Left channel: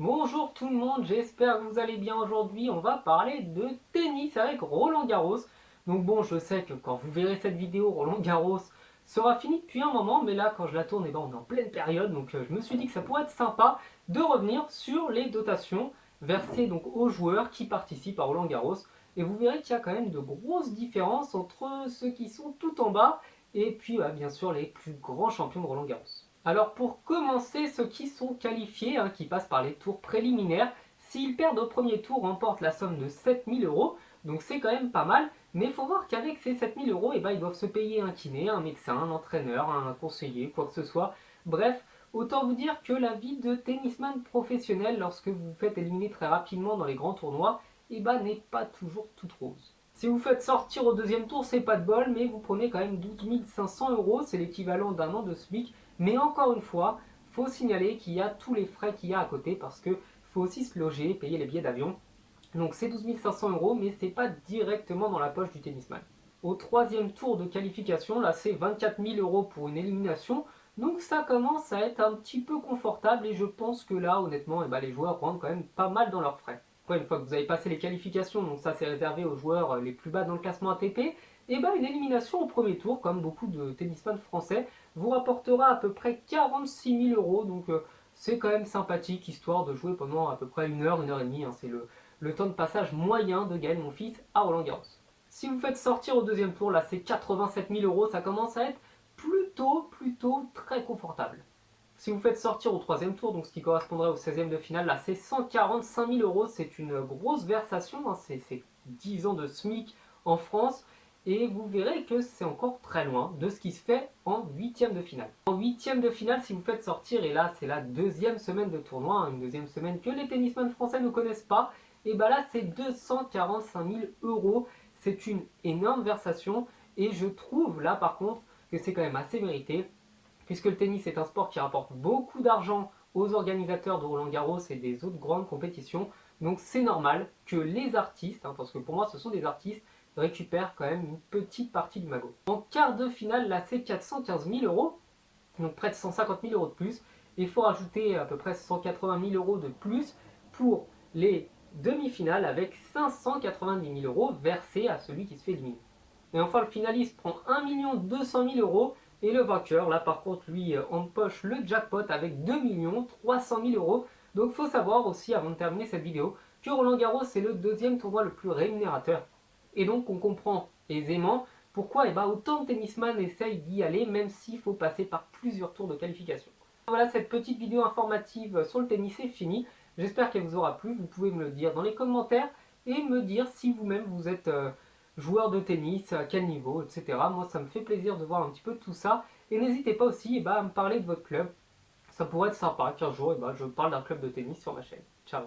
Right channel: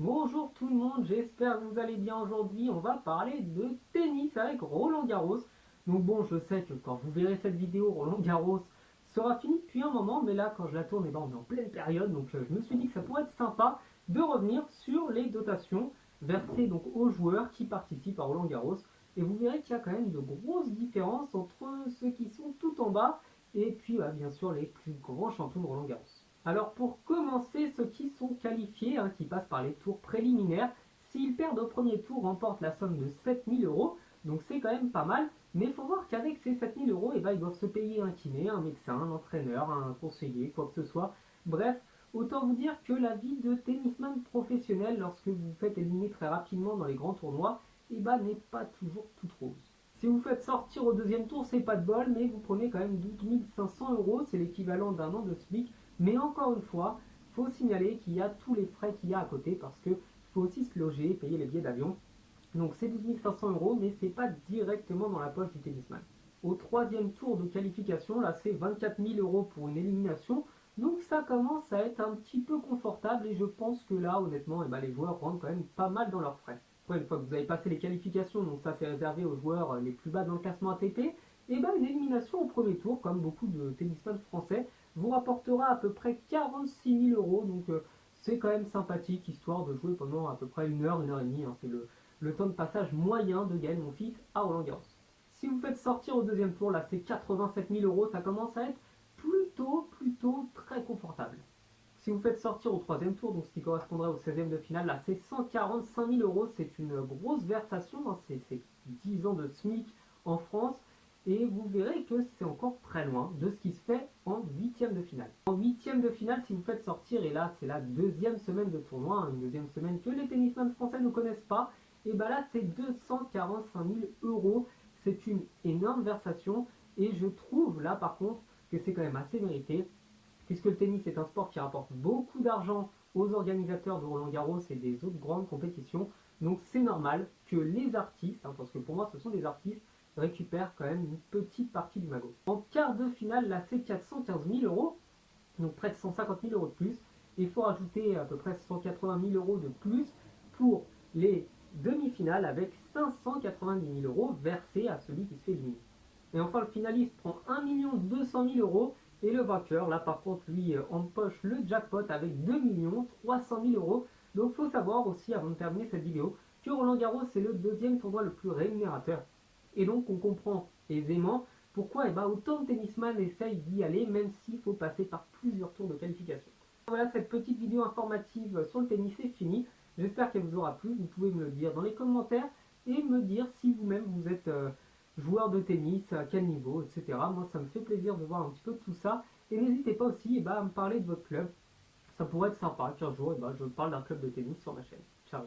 Bonjour tout le monde, j'espère que vous allez bien aujourd'hui. On va parler de tennis avec Roland Garros. Donc bon, je sais que quand vous verrez cette vidéo, Roland Garros sera fini depuis un moment, mais là quand je la tourne, eh ben, on est en pleine période, donc je me suis dit que ça pourrait être sympa de revenir sur les dotations versées donc aux joueurs qui participent à Roland Garros. Et vous verrez qu'il y a quand même de grosses différences entre ceux qui sont tout en bas et puis bien sûr les plus grands champions de Roland Garros. Alors pour commencer, ceux qui sont qualifiés, qui passent par les tours préliminaires, s'ils perdent au premier tour, remportent la somme de 7000 euros, donc c'est quand même pas mal, mais il faut voir qu'avec ces 7000 euros, ils doivent se payer un kiné, un médecin, un entraîneur, un conseiller, quoi que ce soit. Bref, autant vous dire que la vie de tennisman professionnel, lorsque vous vous faites éliminer très rapidement dans les grands tournois, n'est pas toujours toute rose. Si vous faites sortir au deuxième tour, c'est pas de bol, mais vous prenez quand même 12 500 euros, c'est l'équivalent d'un an de SMIC. Mais encore une fois, il faut signaler qu'il y a tous les frais qu'il y a à côté parce qu'il faut aussi se loger, payer les billets d'avion. Donc c'est 12 500 euros, mais ce n'est pas directement dans la poche du tennisman. Au troisième tour de qualification, là c'est 24 000 euros pour une élimination. Donc ça commence à être un petit peu confortable et je pense que là, honnêtement, les joueurs rentrent quand même pas mal dans leurs frais. Après, une fois que vous avez passé les qualifications, donc ça c'est réservé aux joueurs les plus bas dans le classement ATP, et une élimination au premier tour, comme beaucoup de tennisman français, vous rapportera à peu près 46 000 euros. Donc c'est quand même sympathique, histoire de jouer pendant à peu près une heure et demie. C'est le temps de passage moyen de Gaël Monfils à Roland Garros. Si vous faites sortir au deuxième tour, là c'est 87 000 euros, ça commence à être plutôt très confortable. Si vous faites sortir au troisième tour, donc ce qui correspondrait au 16e de finale, là c'est 145 000 euros, c'est une grosse versation, c'est 10 ans de SMIC en France, et vous verrez que c'est encore très loin de ce qui se fait en huitième de finale. En huitième de finale, si vous faites sortir, et là c'est la deuxième semaine de tournoi, une deuxième semaine que les tennisman français ne connaissent pas, et là c'est 245 000 euros, c'est une énorme versation, et je trouve là par contre que c'est quand même assez mérité, puisque le tennis est un sport qui rapporte beaucoup d'argent aux organisateurs de Roland Garros et des autres grandes compétitions. Donc c'est normal que les artistes, parce que pour moi ce sont des artistes, récupèrent quand même une petite partie du magot. En quart de finale, là c'est 415 000 euros, donc près de 150 000 euros de plus. Il faut rajouter à peu près 180 000 euros de plus pour les demi-finales avec 590 000 euros versés à celui qui se fait éliminer. Et enfin, le finaliste prend 1 200 000 euros et le vainqueur, là par contre, lui empoche le jackpot avec 2 300 000 euros. Donc il faut savoir aussi, avant de terminer cette vidéo, que Roland Garros est le deuxième tournoi le plus rémunérateur. Et donc on comprend aisément pourquoi autant de tennisman essayent d'y aller, même s'il faut passer par plusieurs tours de qualification. Voilà, cette petite vidéo informative sur le tennis est finie. J'espère qu'elle vous aura plu. Vous pouvez me le dire dans les commentaires et me dire si vous-même vous êtes joueur de tennis, à quel niveau, etc. Moi, ça me fait plaisir de voir un petit peu tout ça. Et n'hésitez pas aussi à me parler de votre club. Ça pourrait être sympa qu'un jour je parle d'un club de tennis sur ma chaîne. Ciao.